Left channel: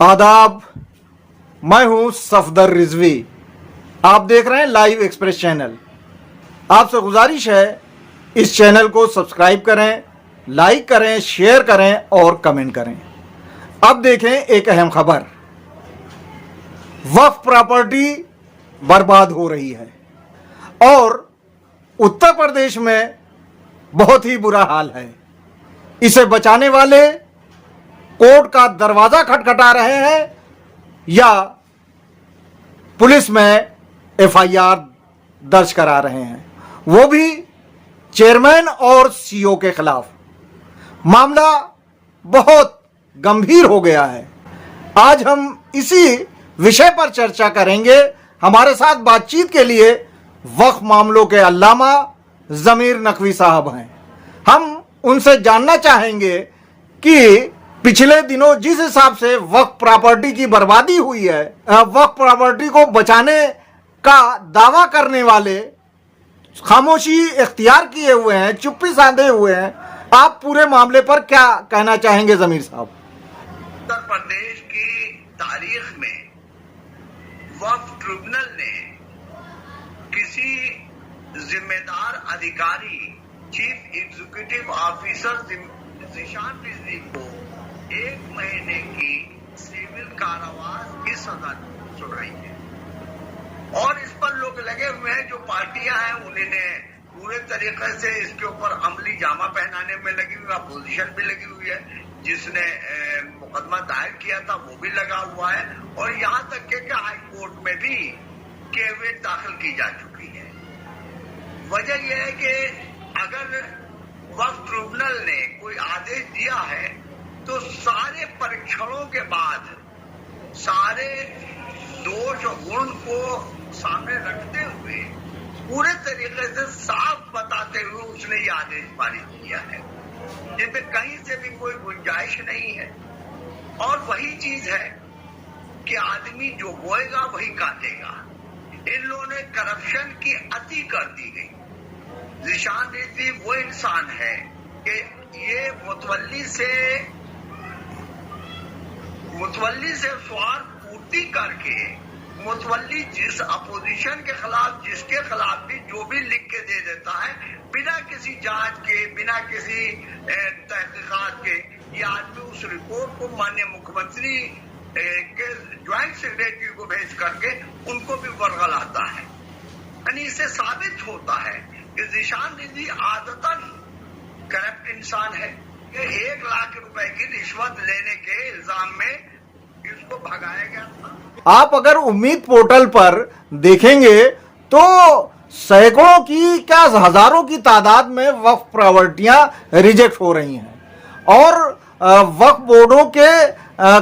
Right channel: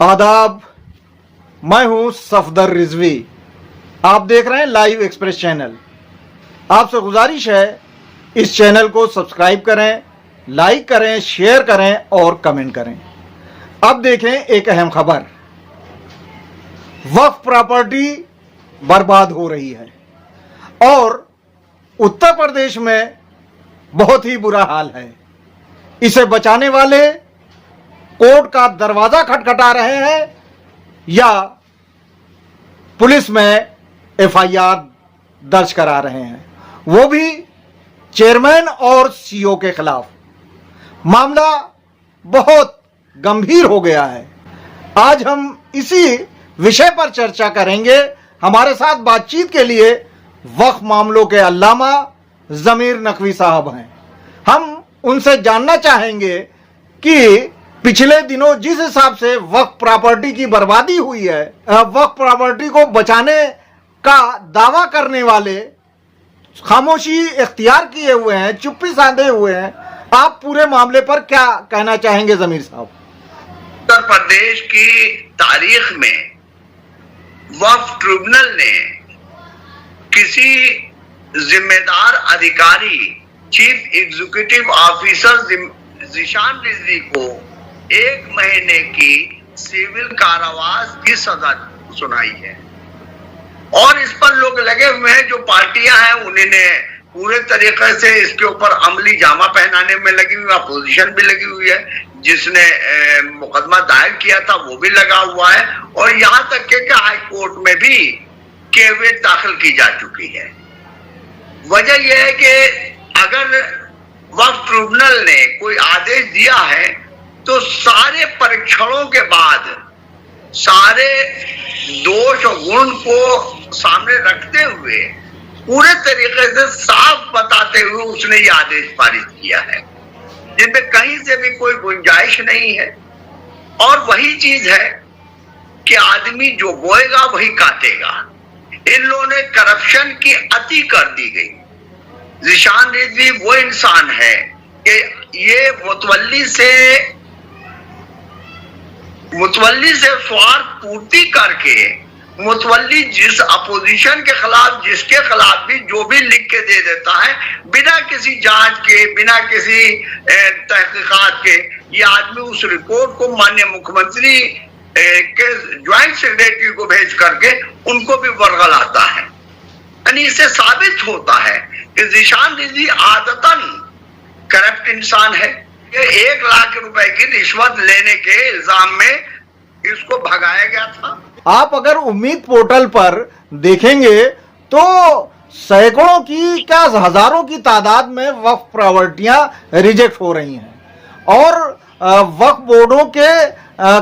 आदाब, मैं हूं सफदर रिजवी। आप देख रहे हैं लाइव एक्सप्रेस चैनल। आपसे गुजारिश है इस चैनल को सब्सक्राइब करें, लाइक करें, शेयर करें और कमेंट करें। अब देखें एक अहम खबर। वक्फ प्रॉपर्टी बर्बाद हो रही है और उत्तर प्रदेश में बहुत ही बुरा हाल है। इसे बचाने वाले कोर्ट का दरवाजा खटखटा रहे हैं या पुलिस में एफआईआर दर्ज करा रहे हैं, वो भी चेयरमैन और सीईओ के खिलाफ। मामला बहुत गंभीर हो गया है। आज हम इसी विषय पर चर्चा करेंगे। हमारे साथ बातचीत के लिए वक्फ मामलों के अल्लामा जमीर नकवी साहब हैं। हम उनसे जानना चाहेंगे कि पिछले दिनों जिस हिसाब से वक्फ प्रॉपर्टी की बर्बादी हुई है, वक्फ प्रॉपर्टी को बचाने का दावा करने वाले खामोशी इख्तियार किए हुए हैं, चुप्पी साधे हुए हैं। आप पूरे मामले पर क्या कहना चाहेंगे जमीर साहब? उत्तर प्रदेश की तारीख में वक्फ ट्रिब्यूनल ने किसी जिम्मेदार अधिकारी, chief executive officer Zeeshan Rizvi को 1 महीने की सिविल कारावास की सजा सुनाई है। और इस पर लोग लगे हुए हैं, जो पार्टियां हैं उन्होंने पूरे तरीके से इसके ऊपर अमली जामा पहनाने में लगी हुई, अपोजिशन भी लगी हुई है। जिसने मुकदमा दायर किया था वो भी लगा हुआ है और यहाँ तक के हाई कोर्ट में भी केवियट दाखिल की जा चुकी है। वजह यह है कि अगर वक्फ ट्रिब्यूनल ने कोई आदेश दिया है तो सारे परीक्षणों के बाद सारे दोष और गुण को सामने रखते हुए पूरे तरीके से साफ बताते हुए उसने ये आदेश पारित किया है, जिनमें कहीं से भी कोई गुंजाइश नहीं है। और वही चीज है कि आदमी जो बोएगा वही काटेगा। इन लोगों ने करप्शन की अति कर दी गई। ज़ीशान रिजवी वो इंसान है कि ये मुतवल्ली से स्वार्थ पूर्ति करके मुतवल्ली जिस अपोजिशन के खिलाफ, जिसके खिलाफ भी जो भी लिख के दे देता है, बिना किसी जांच के, बिना किसी तहकीकात के, ये आदमी उस रिपोर्ट को माननीय मुख्यमंत्री के ज्वाइंट सेक्रेटरी को भेज करके उनको भी बरगलाता है। यानी इससे साबित होता है कि ज़ीशान रिजवी आदतन करप्ट इंसान है। ये 1 लाख रुपए की रिश्वत लेने के इल्जाम में इसको भगाया गया था। आप अगर उम्मीद पोर्टल पर देखेंगे तो सैकड़ों की क्या हजारों की तादाद में वक्फ प्रॉपर्टियां रिजेक्ट हो रही हैं और वक्फ बोर्डों के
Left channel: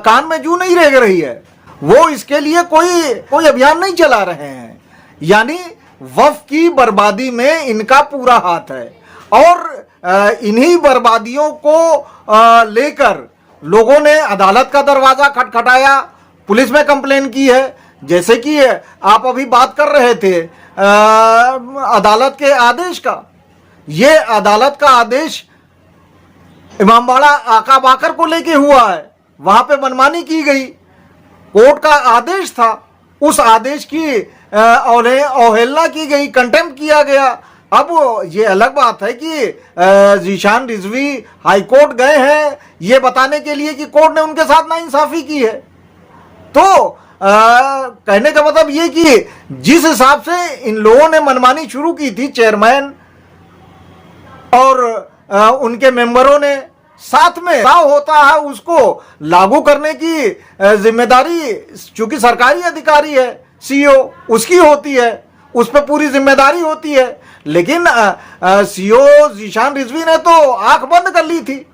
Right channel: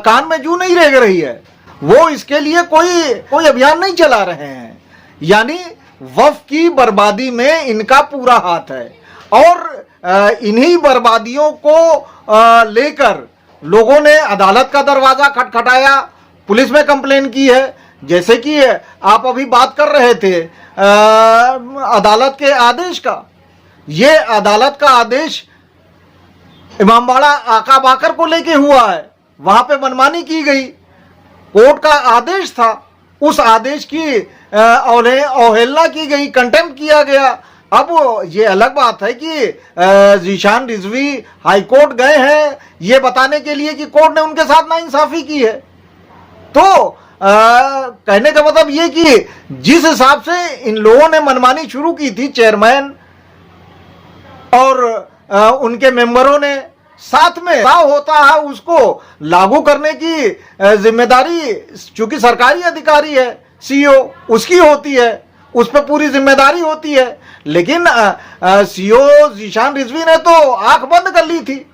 कान में जू नहीं रह रही है। वो इसके लिए कोई अभियान नहीं चला रहे हैं। यानी वक्फ की बर्बादी में इनका पूरा हाथ है और इन्हीं बर्बादियों को लेकर लोगों ने अदालत का दरवाजा खटखटाया, पुलिस में कंप्लेन की है। जैसे कि आप अभी बात कर रहे थे अदालत के आदेश का। ये अदालत का आदेश इमामबाड़ा आका बाकर को लेके हुआ है। वहां पे मनमानी की गई। कोर्ट का आदेश था, उस आदेश की अवहेलना की गई, कंटेम्प्ट किया गया। अब ये अलग बात है कि ज़ीशान रिजवी हाई कोर्ट गए हैं ये बताने के लिए कि कोर्ट ने उनके साथ नाइंसाफी की है। तो कहने का मतलब ये कि जिस हिसाब से इन लोगों ने मनमानी शुरू की थी, चेयरमैन और उनके मेंबरों ने, साथ में क्या होता है उसको लागू करने की जिम्मेदारी चूंकि सरकारी अधिकारी है, सीईओ उसकी होती है, उस पर पूरी जिम्मेदारी होती है। लेकिन सीईओ ज़ीशान रिजवी ने तो आंख बंद कर ली थी।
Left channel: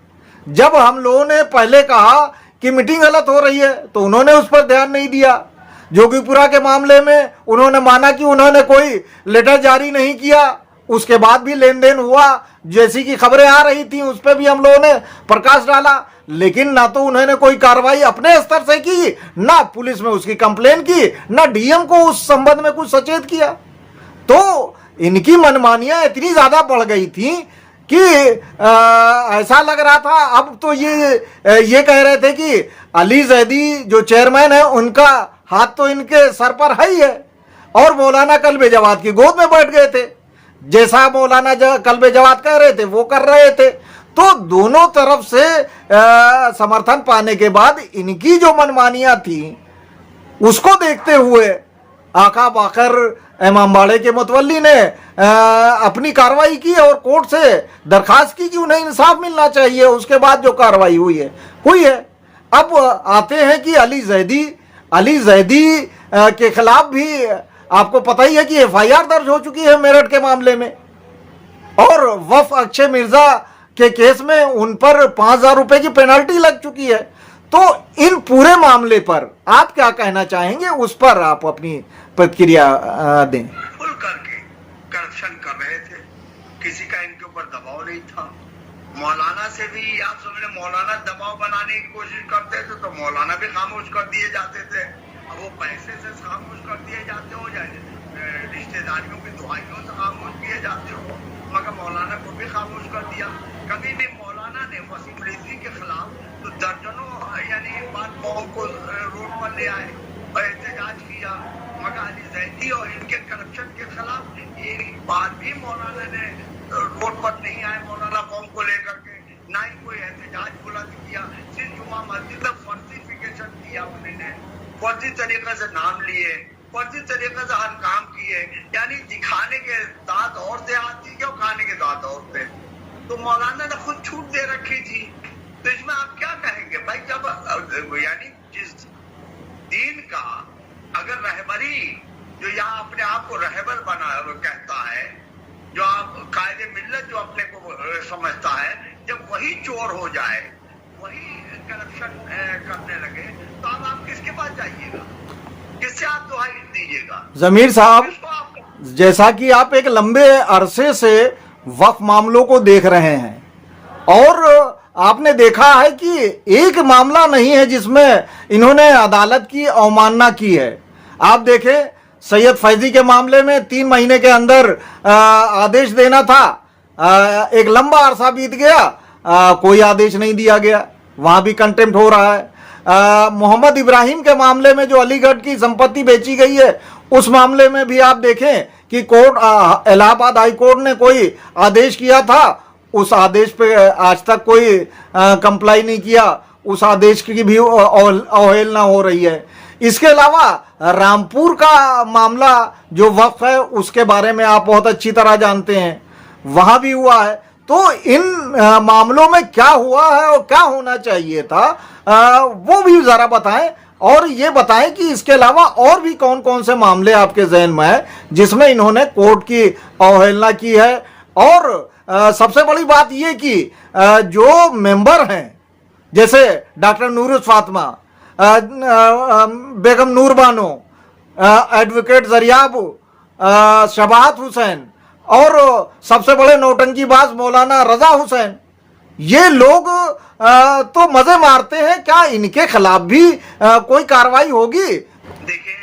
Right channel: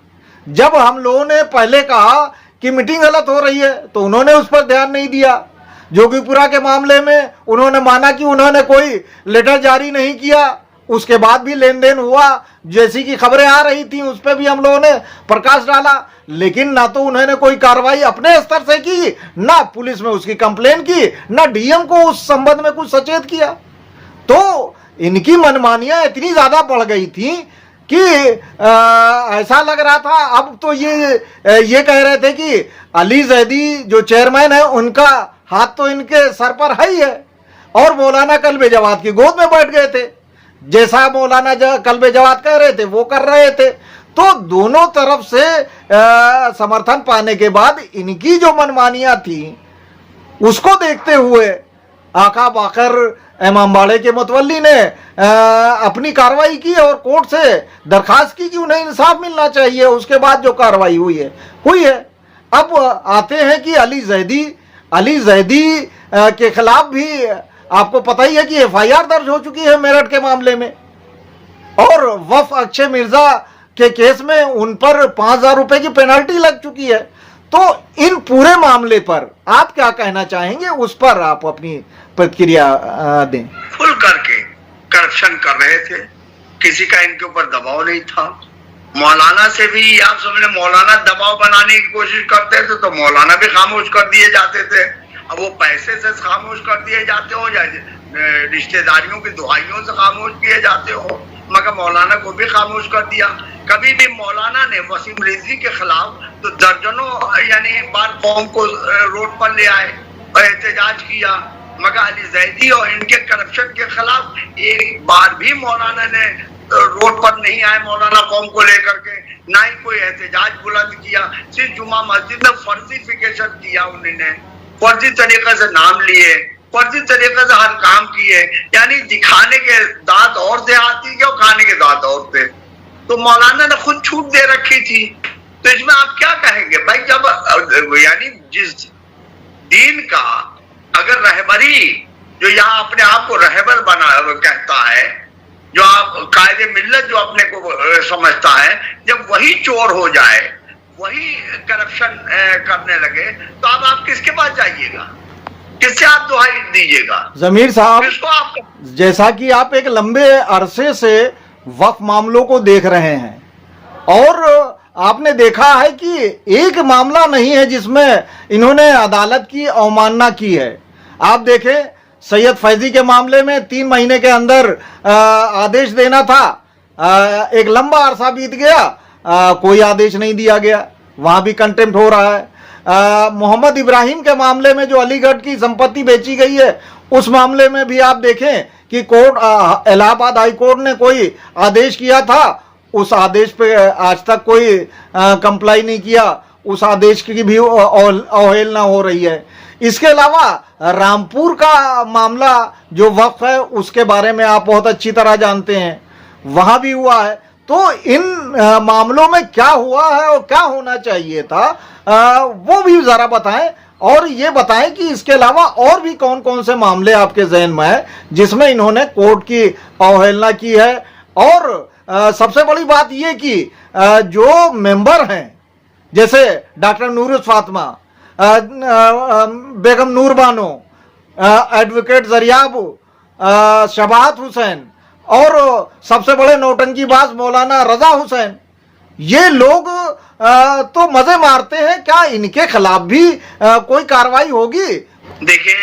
जब हम लोगों ने पहले कहा कि मीटिंग गलत हो रही है तो उन्होंने उस पर ध्यान नहीं दिया। जोगीपुरा के मामले में उन्होंने माना कि उन्होंने कोई लेटर जारी नहीं किया, उसके बाद भी लेन देन हुआ, जैसी की खबरें आ रही थी उस पर भी हम लोगों ने प्रकाश डाला। लेकिन ना तो उन्होंने कोई कार्रवाई अपने स्तर से की, ना पुलिस में उसकी कंप्लेन की, ना डीएम को उस संबंध में कुछ सचेत किया। तो इनकी मनमानियां इतनी ज्यादा बढ़ गई थी कि ऐसा लग रहा था, अब तो ये कह रहे थे कि अली जैदी जो चेयरमैन है उनका हाथ तो इनके सर पर है ही है, और मौलाना कल्बे जवाद की गोद में बैठ गए थे, जैसा मौलाना कल्बे जवाद कह रहे थे वो कर रहे थे। तो दोनों तरफ से समर्थन पाने के बाद इनकी जो मनमानियां थी उसको देखते हुए आका बाकर इमामबाड़े के मुतवल्ली ने अपनी कार्रवाई की और कोर्ट से दरखास्त की कि उन्हें इंसाफ मिलना चाहिए। उसके बाद जो कार्रवाई हुई है। अब आते हैं कि अली जैदी के खिलाफ भी आपको पता ही है कि एफआईआर दर्ज हो चुकी है मेरठ के मामले में, और वफ अक्षय मिर्जा के केस में उन पर 5,000 रुपए की पेनल्टी लग चुकी है। तो इन पूरे मामले पर आप क्या कहना चाहेंगे, उस पर आप अपनी प्रतिक्रिया दें। खुल करके करप्शन कर रहे थे, किसी का इनके ऊपर दबाव नहीं था। मौलाना से भी आप समझे, मौलाना दबाव बनाने की कोशिश करते थे तो मौलाना भी खामोश कर दिए जाते थे। अब वो पैसे से खामोश कर दिए जाते हो या रिश्तेदारियों की दुआइयों से खामोश किए जाते हो, मगर मौलाना को भी खामोश कर दिया। कभी भी मौलाना ने वसीम रिजवी के खिलाफ तो दर्जनों यानी बार कौम को रोड पर ले आए और एहतजाज किया, मगर अली जैदी और इनके करप्शन के खिलाफ एक बार भी मौलाना ने रोड पर नहीं आए मौलाना कौम को लेकर के, ना ही कोई एहतजाज बुलंद किया। सिर्फ जुमा मस्जिद में फर्जीफिकेशन किया, उन्होंने फर्जी तरीके से नाम लिए, फर्जी तरीके से हर काम किए, यानी दिखाने के दांत और देहाती के और खाने के दांत और थे। तो मौलाना ने खुद छूट दे रखी थी, तो इसमें आप क्या कहेंगे भाई? जब यानी जिस दीन का अगर रहबरी जो यहाँ अपने आप को रहबर बना कहता है, जो आप कायदे मिल्लत जो अपने को समझता है, जब वही चोर हो जाए, वही करप्शन करने लगे, तो अब आप किसके पास जाइएगा, किससे आप दुहाई दीजिएगा? जमीर साहब, जैसा कि आप एक लंबे अरसे से वक्फ मामलों को देख रहे हैं और आपने देखा है कि एक मामला नहीं है जिसमें इन्होंने अदालत की अवमानना की है। आप देखें, सैयद फैजी के मामले में 3 महीने के अंदर आदेश देना था, एक लंबा अरसा बीत गया, कोई आदेश नहीं दिया गया, वहां भी कंटेम्प्ट हो रहा है। मोहम्मद इब्राहिम के मामले में जो अलीगढ़ की संपत्ति बेची गई है, उस मामले में भी आप देखें कि कोर्ट इलाहाबाद हाई कोर्ट ने कोई आदेश किया था, उस आदेश पे आज तक कोई कंप्लाई नहीं किया, उस आदेश की भी अवहेलना हो रही है। इसके अलावा रामपुर का मामला जो वक्फ है उसके बारे में आप बहुत अच्छी तरह जानते हैं, वहां भी हुआ है। तो इन मामलों में क्या हुआ है और क्या होना चाहिए था, वो भी जरा बताएं, और ये बताएं कि इसके अलावा और भी कौन कौन से मामले आपके जहन में है जिसमें इन्होंने कोर्ट की अवहेलना की है। और सबसे बड़ी बात ये कि जो मेंबर हैं जैसे डॉक्टर नूरुल फातिमा, बेगम नूर बानो, एडवोकेट जरियाब, शबाहत हुसैन और सबसे बड़े नौटंकीबाज मौलाना रजा हुसैन, ये लोग तो मजे मारते हैं, क्या इनके खिलाफ भी कोई कार्रवाई होगी? देखिए,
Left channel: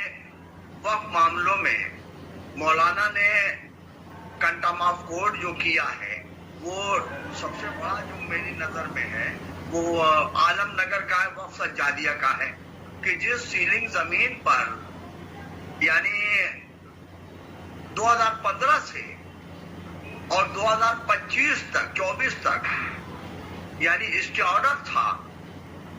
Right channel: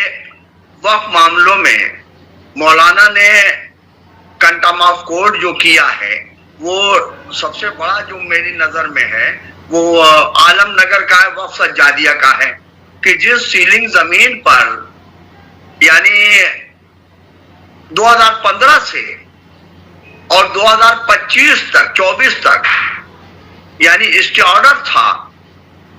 वक्फ मामलों में मौलाना ने कंटेम्प्ट ऑफ कोर्ट जो किया है, वो सबसे बड़ा जो मेरी नजर में है वो आलमनगर का है, वक्फ सज्जादिया का है, कि जिस सीलिंग जमीन पर यानी 2015 से और 2025 तक 24 तक यानी स्टे ऑर्डर था,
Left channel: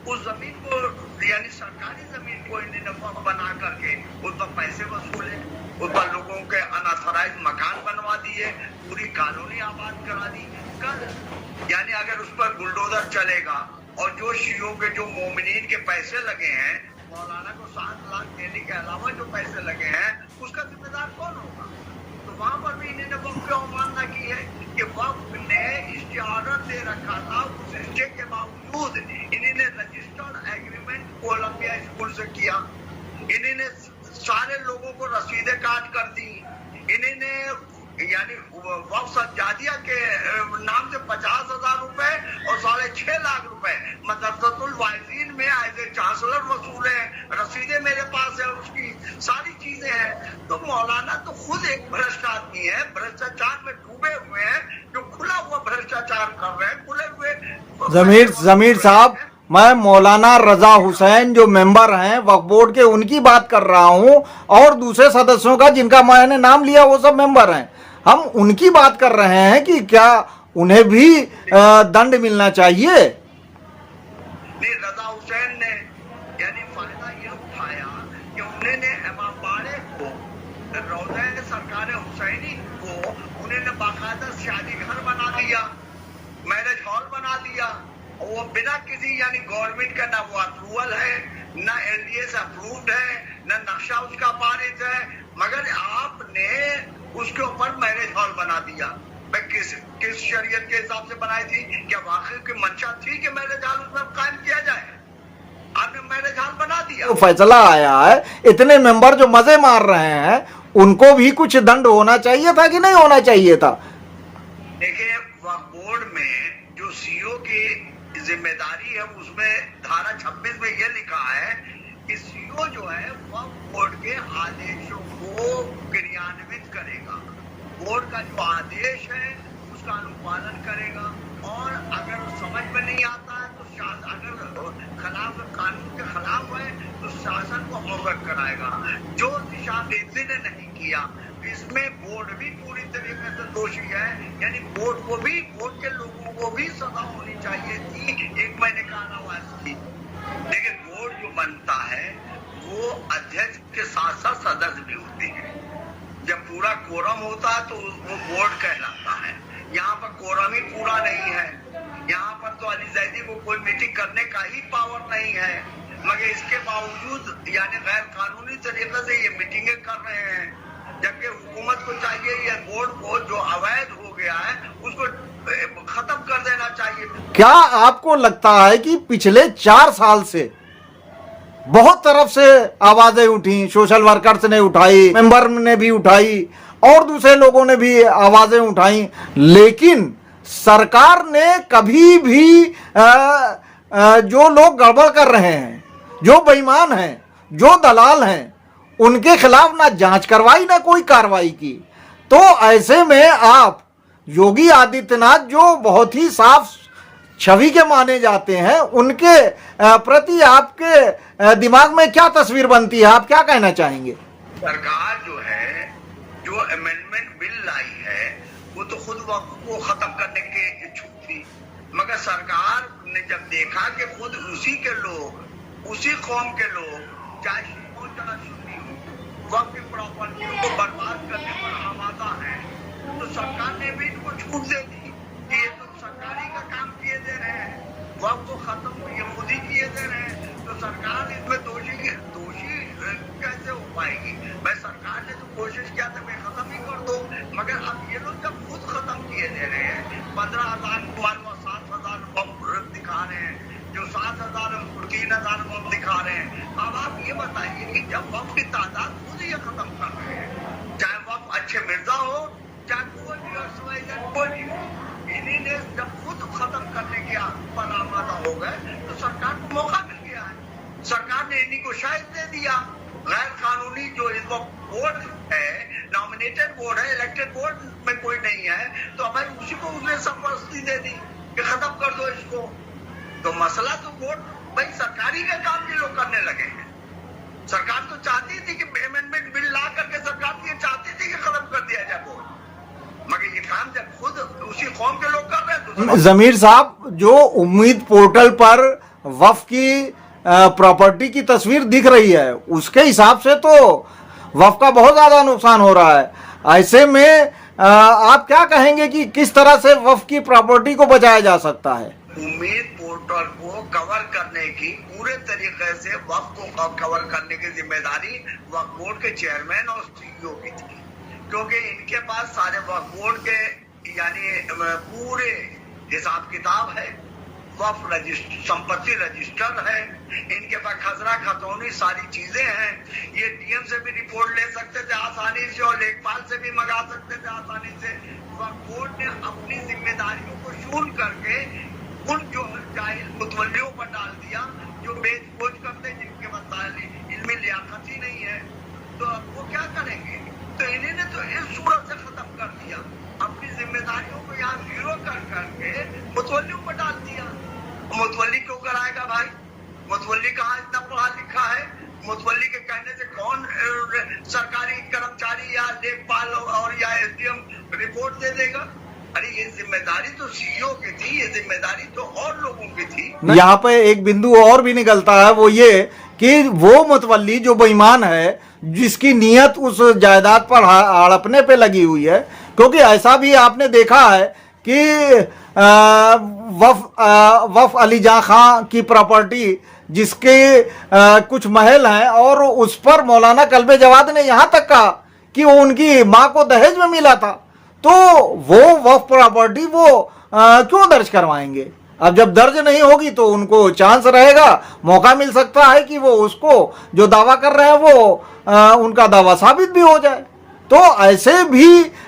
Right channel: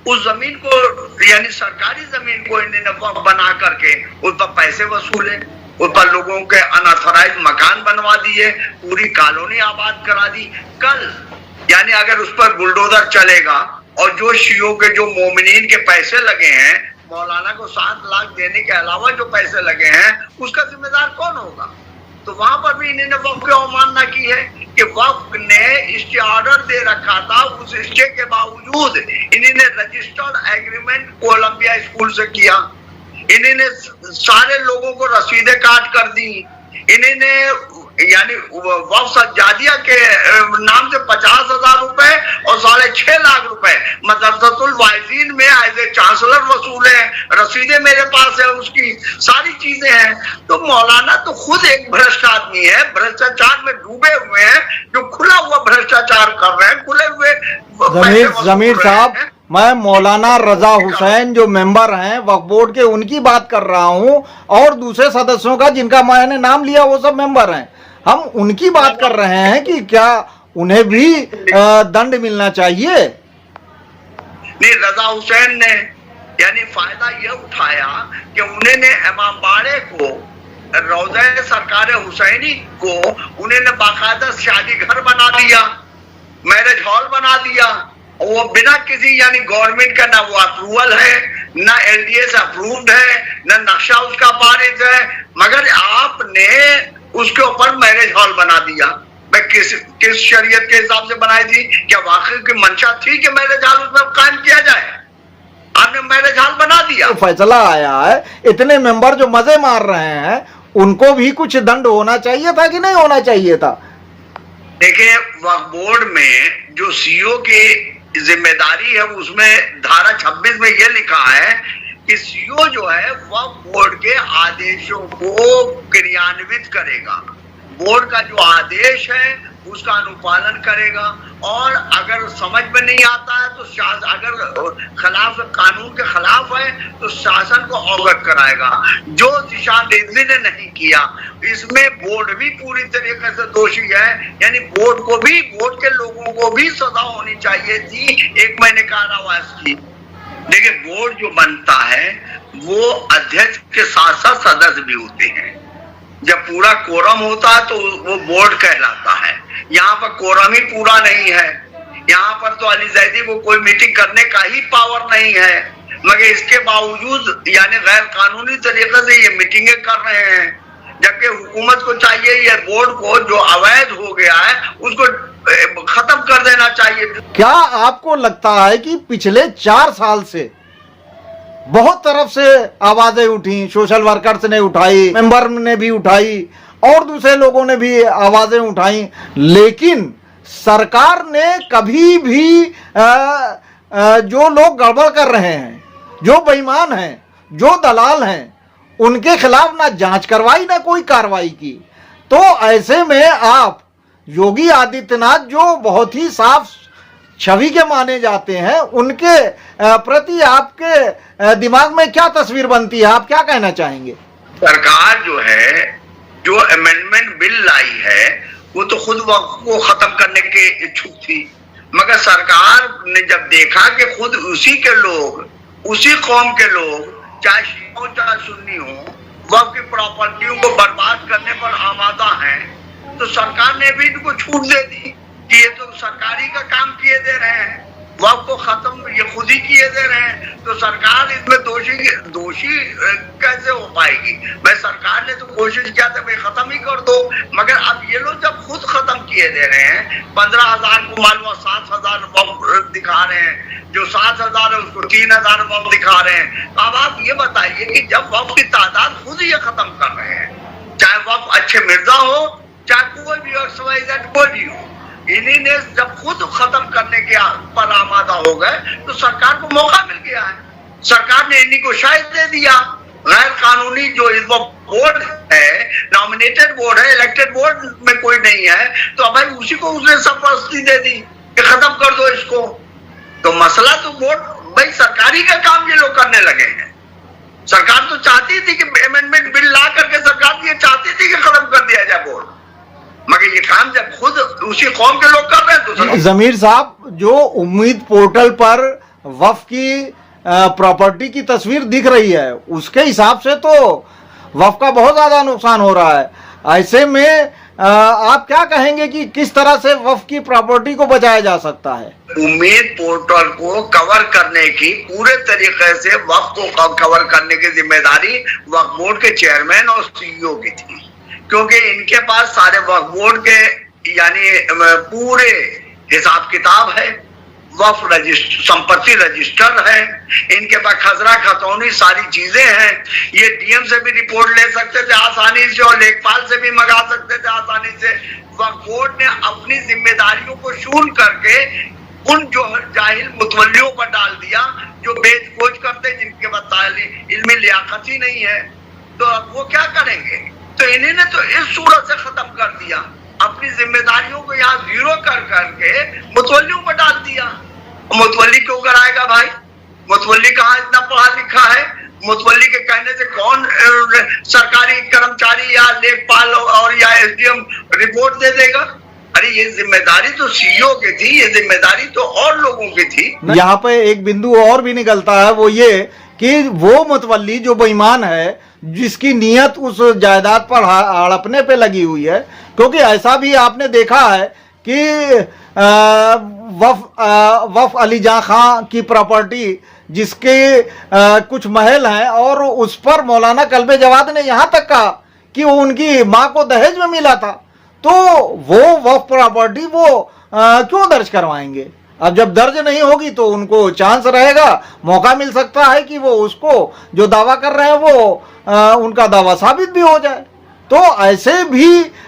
उस जमीन को यानी सरकारी जमीन को इन्होंने वक्फ बना करके उस पर पैसे वसूले, उस पर लोगों के अनऑथराइज मकान बनवा दिए, पूरी कॉलोनी आबाद करा दी। कल यानी अगर उस पर बुलडोजर चलेगा और जो शियों के जो मोमिनीन के पैसे लगे हैं, मौलाना को 7 लाख देने के अलावा जो पैसे लगे हैं, उसका जिम्मेदार कौन होगा? तो वहां पर भी इन्होंने वक्फ की अवमानना की है कि वक्फ ने स्टे ऑर्डर दे रखा था, उस स्टे के बावजूद इन्होंने रजिस्टर्ड एग्रीमेंट कोलंबिया स्कूल से किया, इन्होंने सारे लोगों को रसीदें काट कर दी, इन्होंने यानी वक्फ सज्जादिया के नाम से 50,000 रुपए और 6.5 लाख रुपए मदरसतुल वाइजीन में एज ए चांसलर वसूले, रसीदें मेरे पास है, उसकी सारी चीजें हैं। तो मौलाना तो खुद एक भ्रष्ट आदमी है, भ्रष्टाचार में डूबे हुए हैं, जो खुला हुआ भ्रष्टाचार कर रहे हैं, खुले हुए। जमीर साहब, मैं मौलाना रजा हुसैन जो मेंबर हैं वक्फ बोर्ड के, उनकी बात कर रहा हूं, और दूसरे सदस्यों का जिनका मैंने नाम लिया वो सब मेंबर हैं। हम उनकी बात कर रहे हैं कि क्या उन्हें भी दंड मिलना चाहिए। नहीं, रजा हुसैन ने यानी फायदा यह उठाया कि उन्होंने इमामबाड़े को, रौज़े सरकार हुसैनी को उन्होंने बाकायदा शादी घर बना दिया, मैरिज हॉल बना दिया, वो बिना किसी यानी गवर्नमेंट का ना वो अप्रूवल है, ना एलडीए अप्रूव्ड है, ना नक्शा उसका पारित है, मगर आपने उसके ऊपर मैरिज हॉल बना दिया। मैं किस शरीयत के हिसाब से बनाई थी? क्या वाकई की मंशा थी कि मैरिज हॉल उसमें कायम किया जाए? आपने मैरिज हॉल बना दिया। तो फैसला आया है, इतने मेंबर जो मजे मार रहे हैं उनको भी कुछ दंड होना चाहिए था कि नहीं होना चाहिए था? देखिए, वक्फ बोर्ड में जो सीईओ की जिम्मेदारी है उसमें धारा 26 में यह लिखा है कि सीईओ जो है वक्फ बोर्ड के आदेशों को क्रियान्वित करेगा, बोर्ड का जो आदेश है उसका अनुपालन करेगा, और अगर समझ में नहीं आता है तो अगर खिलाफ कानून के खिलाफ है तो शासन को अवगत कराएगा। जो दिशा निर्देश ने नहीं किया, इसमें बोर्ड भी पूरी तरीके से दोषी है, यानी बोर्ड को भी, बोर्ड के लोगों को भी सजा होनी चाहिए थी 1 महीने कारावास की। देखिए, बोर्ड जो बनता है वो अध्यक्ष के साथ साथ सदस्य भी होते हैं। जब पूरा कोरम होता है तो वो बोर्ड कहलाता है। यहाँ पर कोरम ही पूरा नहीं है, यहाँ पर तो अली जैदी को कोई मीटिंग करने का ही पावर नहीं है, मगर इसके बावजूद यानी गैर कानूनी तरीके से ये मीटिंगें कर रहे हैं, जबकि हुकूमत को चाहिए ये बोर्ड को जो अवैध हो गया है उसको खत्म कर देना चाहिए। क्या आपको लगता है कि पिछले 4 साल से बहुत तरफ से आवाजें उठी, सोशल वर्कर्स ने उठाई, मेंबर ने भी उठाई और दूसरे लोगों ने भी आवाजें उठाई, लेकिन सरकार ने कभी भी जो लोग गड़बड़ कर रहे हैं, जो बेईमान हैं, जो दलाल हैं, उनके खिलाफ ना जांच करवाई ना कोई कार्रवाई की। तो ऐसे में आप योगी आदित्यनाथ जो बहुत ही साफ छवि के माने जाते हैं, उनके प्रति आपके दिमाग में क्या तस्वीर बनती है? आप क्या कहना चाहेंगे? सरकार जो है, जो अमेंडमेंट बिल लाई है, वो तो खुद वक्फ को खत्म करने के इच्छुक थी, मगर सरकार ने जब देखा कि खुद उसी के लोग, उसी कौम के लोग, चाहे शिया हो चाहे सुन्नी हो, वक्फ की प्रॉपर्टियों को बर्बाद करने पर आमादा हैं, तो सरकार ने भी इनको छूट दे दी कि ये तो सरकारी का काम किए दे रहे हैं, वक्फ को खत्म ये खुद ही किए दे रहे हैं, तो सरकार इसमें दोषी कैसे हो पाएगी? भाई सरकार ने तो कोशिश किया था भाई खत्म ही कर दो, मगर अब ये लोग जब खुद खत्म किए दे रहे हैं, 15,000 को मालूम 7,000 वक्फ दिखा रहे हैं, जो 7,000 है उसको 3,000 वक्फ दिखा रहे हैं। अब आप ये बताइए कि जब वक्फ की तादाद खुद ये खत्म कर रहे हैं, चाहे वक्फ अच्छे मिर्जा हो, चाहे कोई भी कोई भी हो, इन्हीं ने जब खुद खत्म करने के पर आमादा हो गए तो सरकार को मौका मिल गया है, सरकार ने इन्हीं को शायद दे दिया। गैर कानूनी जो इस बोर्ड है, नॉमिनेटेड बोर्ड है, इलेक्टेड बोर्ड में कोई नहीं है, तो अब भाई उसी को उसने सरपरस्ती दे दी कि खत्म कर दो इसको। तो मसला तो बोर्ड, भाई सरकारी का काम ये लोग करने लगे हैं। सरकार तो चाहती थी कि अमेंडमेंट बिल ला करके सरकार ये चाहती थी कि खत्म कर दिया जाए बोर्ड, मगर ये काम जब खुद उसी कौम के लोग कर रहे हैं तो। जमीर साहब, जो उम्मीद पोर्टल पर वक्फ की प्रॉपर्टी की तस्वीर दिख रही है, उसके हिसाब से तो वक्फ का बहुत ज्यादा नुकसान हो रहा है। ऐसे में आप क्या कहेंगे कि किस तरह से वक्फ की प्रॉपर्टी को बचाया जा सकता है? उम्मीद पोर्टल को कवर करने की, पूरे तरीके से वक्फ को कवर करने की जिम्मेदारी वक्फ बोर्ड के चेयरमैन और सीईओ की थी, क्योंकि इनके पास सारे वक्फ बोर्ड के यानी पूरे हिसाब किताब है, वक्फ संपत्ति रजिस्टर है, इनके पास खसरा खतौनी सारी चीजें हैं। ये डीएम से भी रिपोर्ट ले सकते थे आसानी से और लेखपाल से भी मंगा सकते थे आसानी से। वक्फ बोर्ड ने अपनी जिम्मेदारियों को शूल करके उन जो जाहिल मुतवल्लियों पर डाल दिया जो बेच खोज करते, जिनके पास इल्मी लियाकत ही नहीं है। तो अब वो क्या करेंगे? तो इन्हीं ने तो इस सूरत से खत्म कर दिया, अपनी जिम्मेदारियों को यहाँ जीरो कर करके मुतवल्लियों पर डाल दिया। मुतवल्ली क्यों कराएगा भाई? मुतवल्ली कहाँ इतना पढ़ा लिखा है? मुतवल्ली के कहने से कौन सरकारी कर्मचारी या लेखपाल और या एसडीएम रिपोर्ट दे देगा? अरे ये जिम्मेदारी तो सीईओ की थी, ये जिम्मेदारी तो और लोगों की थी। यहाँ पे एक बिंदु और भी निकलता है, वो ये कि वो मुतवल्ली जो बेईमान है, जिसकी नीयत उस जायदाद पर हड़पने पे लगी हुई है, क्योंकि ऐसा भी आपने देखा है कि वफ अली जां खां की प्रॉपर्टी जिसके कुछ महल हैं और उस पर मौलाना कल्बे जवाद ने यहाँ तक कहा कि वो उनकी माँ को दहेज में मिला था, तो वो वफ प्रॉपर्टी वो क्यों दर्ज करवाएंगे? अब जब दर्ज नहीं होगी तो उनको चांस रहेगा, मौका मिल सकता है कि वो उसको जो दावा कर रहे हैं वो उनका दावा साबित भी हो जाए। तो ऐसे भी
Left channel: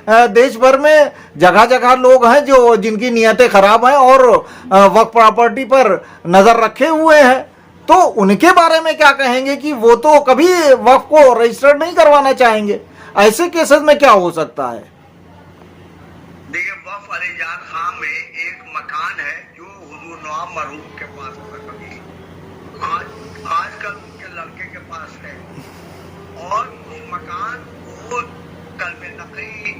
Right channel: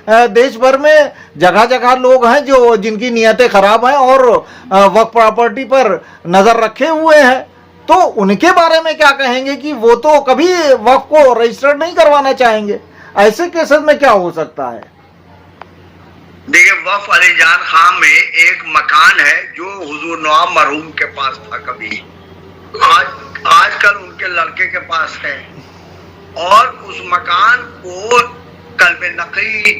देश भर में जगह जगह लोग हैं जो जिनकी नीयतें खराब हैं और वक्फ प्रॉपर्टी पर नजर रखे हुए हैं। तो उनके बारे में क्या कहेंगे कि वो तो कभी वक्फ को रजिस्टर्ड नहीं करवाना चाहेंगे? ऐसे केसेस में क्या हो सकता है? देखिए, वफ अली जान खां में एक मकान है जो हुजूर नवाब मरहूम के पास था कभी, आजकल उनके लड़के के पास है, और उस मकान को कल्बे नकली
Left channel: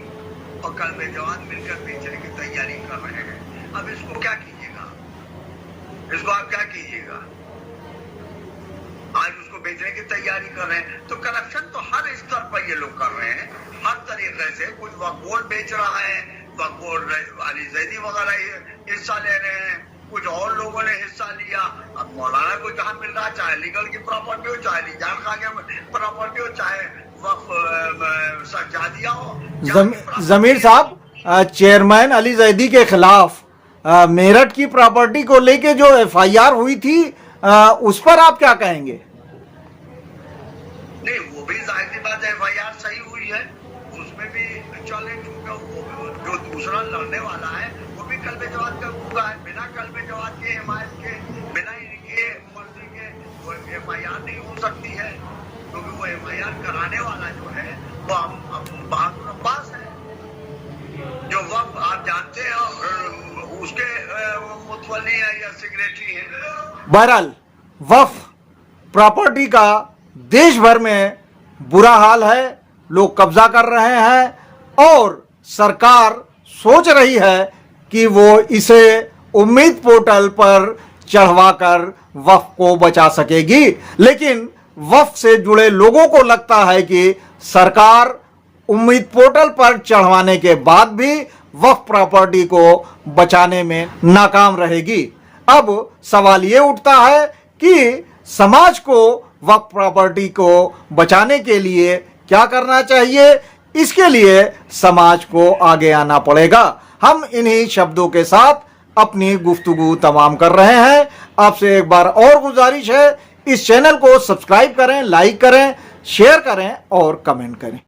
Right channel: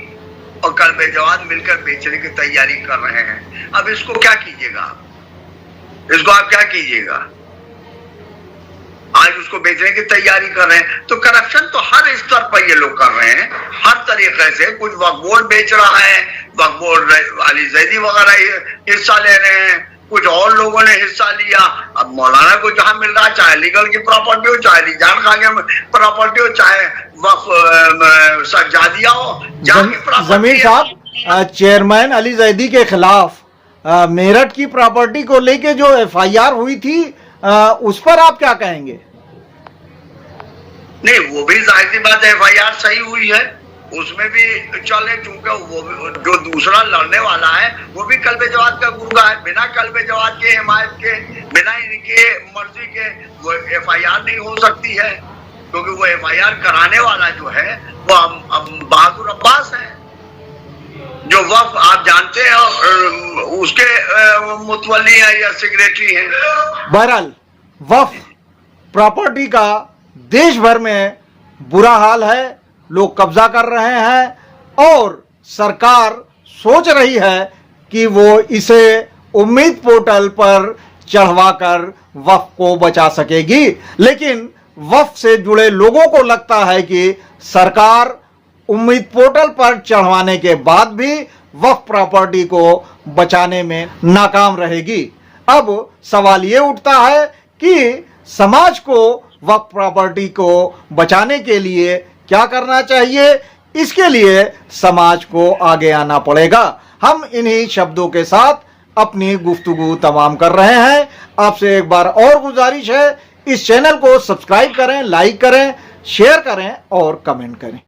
और कल्बे जवाद मिलकर बेचने की तैयारी कर रहे हैं। अब इसको क्या कीजिएगा? इसको आप क्या कीजिएगा? आज उसको बेचने की तैयारी कर रहे हैं। तो करप्शन तो हर स्तर पर ये लोग कर रहे हैं, हर तरीके से। कुछ वक्फ बोर्ड बेच रहा है, वक्फ बोर्ड अली जैदी वगैरह हिस्सा ले रहे हैं, कुछ और लोगों ने हिस्सा लिया। अब मौलाना को जहां मिल रहा है, चाहे लीगल की प्रॉपर्टी हो, चाहे अली जान खां की प्रॉपर्टी हो, चाहे वक्फ सज्जादिया हो। जमीर साहब, चेयरमैन अली जैदी के खिलाफ मेरठ की प्रॉपर्टी को लेके जो एफआईआर हुई थी, उस पर आप क्या कहेंगे? नहीं, वो भी जाहिर सी बात है एफआईआर सही हुई है, उसमें भी चले, क्योंकि वो जो दूसरा लड़ने वाला है वो भी कल्बे जवाद का गुर्गा है। बिना कल्बे जवाद के, हिमायत के, बिना इनके मर्जी के वो एफआईआर नहीं हो सकती है, क्योंकि वो एफआईआर कराने वाला जो है वो बहादुर अब्बास है, जो वक्फ आप जानते हैं उसके मुतवल्ली है या सेक्रेटरी है। बहरहाल वक्फ प्रॉपर्टी का देश भर में बुरा हाल है, लोग कब्जा कर रहे हैं और सरकार सोच रही है कि वो इसे उम्मीद पोर्टल पर चढ़वाकर वक्फ को बचा सकेगी। लेकिन वक्फ से जुड़े लोगों को लगता है कि सरकार उम्मीद पोर्टल पर चढ़वाने के बाद भी वक्फ प्रॉपर्टी को बचाने में नाकाम रहेगी। अब सवाल ये उठता है कि समाज को वक्फ प्रॉपर्टी को बचाने के लिए क्या करना चाहिए? इसके लिए समाज को आगे आना पड़ेगा। हम इन्हीं शब्दों के साथ अपनी गुफ्तगू तमाम कर रहे हैं। आपसे एक बार और गुजारिश है, इस चैनल को सब्सक्राइब करें, लाइक करें, शेयर करें और कमेंट करें।